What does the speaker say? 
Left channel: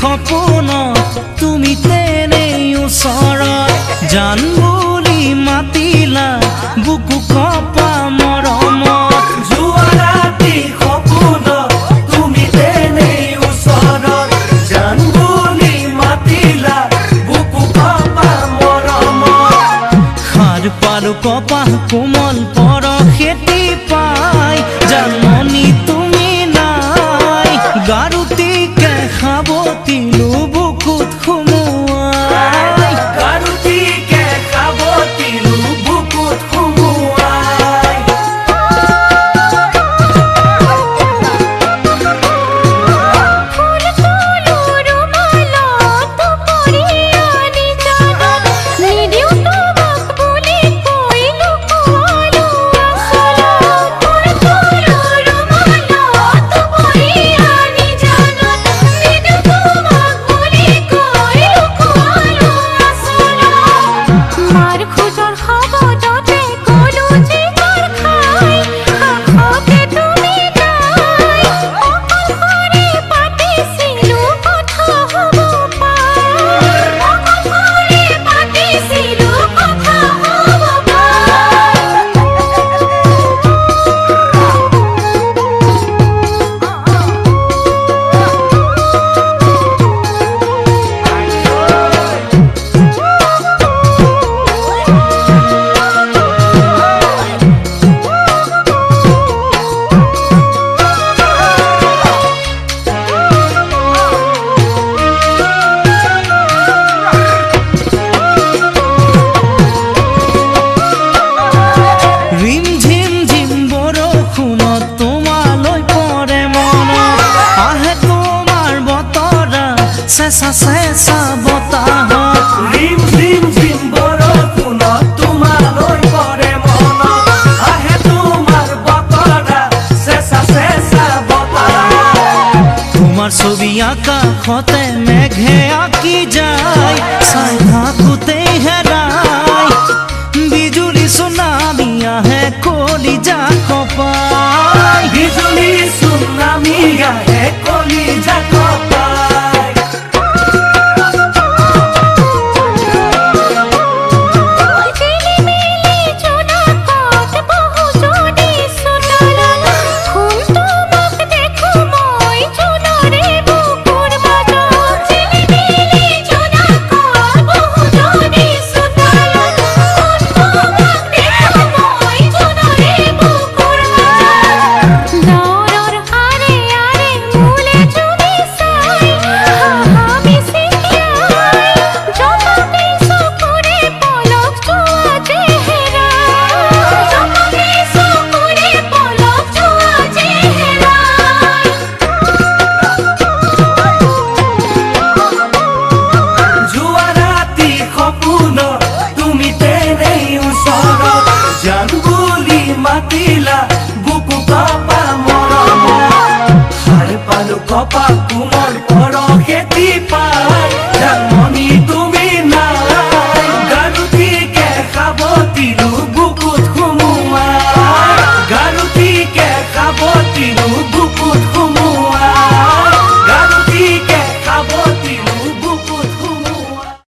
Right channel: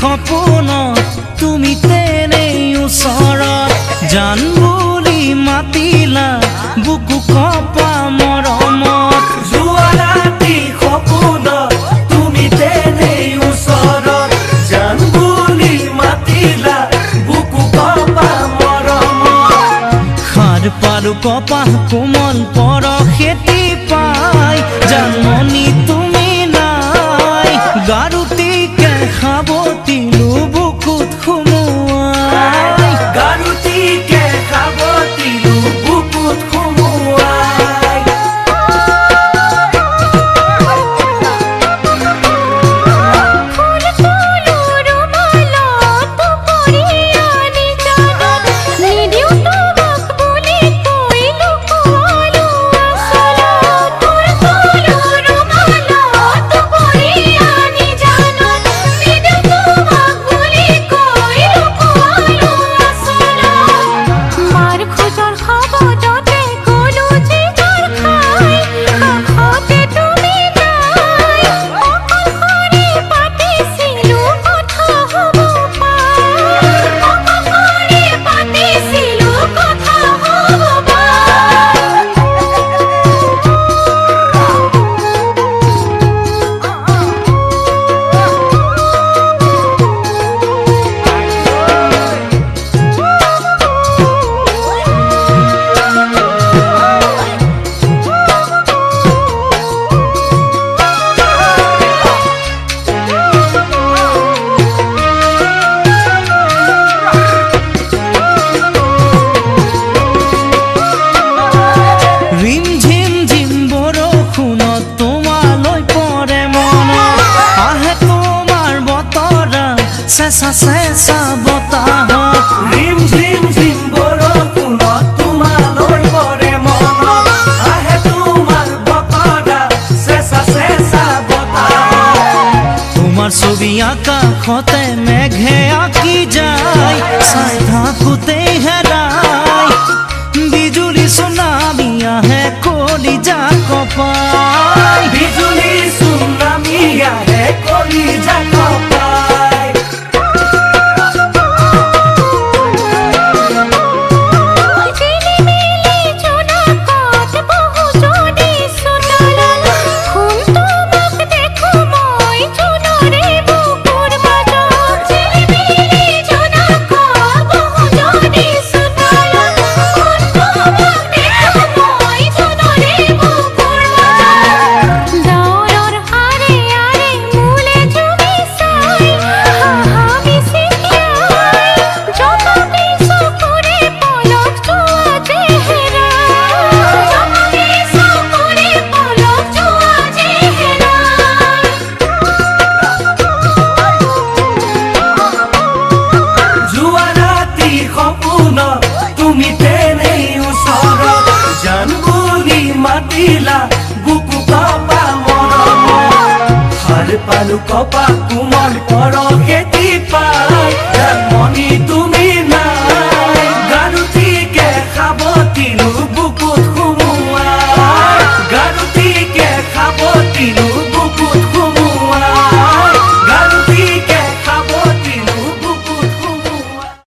সপোনত তুমি তেনেই ওচৰত জান বুলি মাতিলা বুকু কপা মৰমত যোৱা ৰাতি সপোনত তুমি তেনেই ওচৰত জান বুলি মাতিলা বুকু কপা মৰমত সাৰ পালো কপা কোমল পৰশেতি পাই জানমণি তুমি নাই গাৰুটিকে সাৱটিলো বুকুত সুমুৱাই গাৰুটিকে সাৱটিলো বুকুত সুমুৱাই ফুল তুলো ৰুমালত দুপৰীয়া নিজানত নিদিওঁ তোমাক বুলি কৈ লুকুৱালো আচলত ফুল তুলো ৰুমালত দুপৰীয়া নিজানত নিদিওঁ তোমাক বুলি কৈ লুকুৱালো আচলত মাৰ খোজৰ শব্দতে গলো জিকাৰ খাই কাষতে তুমি নাই অকলশৰে পাতিছিলো কথা হ'ব পাই অকলশৰে পাতিছিলো কথা হ'ব ৰিম ঝিম ঝিম বৰষুণত তোমালৈ পৰে মনত আহে তোমাৰ বতৰা চেঁচা চেঁচা বতাহত ৰিম ঝিম ঝিম বৰষুণত তোমালৈ পৰে মনত আহে তোমাৰ বতৰা চেঁচা চেঁচা বতাহ তোমাৰ ছবি আকাশতে মেঘে আঁকি যায় চাই থাকোঁতেই হেৰাই বিজুলী চুনামি আহে কলিজা কপাই বিজুলী চুনামি আহে কলিজা কপাই ঝিলিমিলি জোনাকত বহু যদি চোতালত শুন তোমাক দেখো মই জোনৰে বুকুৰ মাজত ঝিলিমিলি জোনাকত বহু যদি চোতালত শুন তোমাক দেখো মই জোনৰে বুকুৰ মাজত ডাৱৰৰ আৰে আৰে মোলে জুমি চাই হাহা মিচিকিয়াই জনমে চকুৰে পলক যোৱা চেহেৰাই জনমে চকুৰে পলক যোৱা চেহেৰাই যোৱা ৰাতি সপোনত তুমি তেনেই ওচৰত জান বুলি মাতিলা বুকু কপা মৰমত সাৰ পালো কপা কোমল পৰশেতি পাই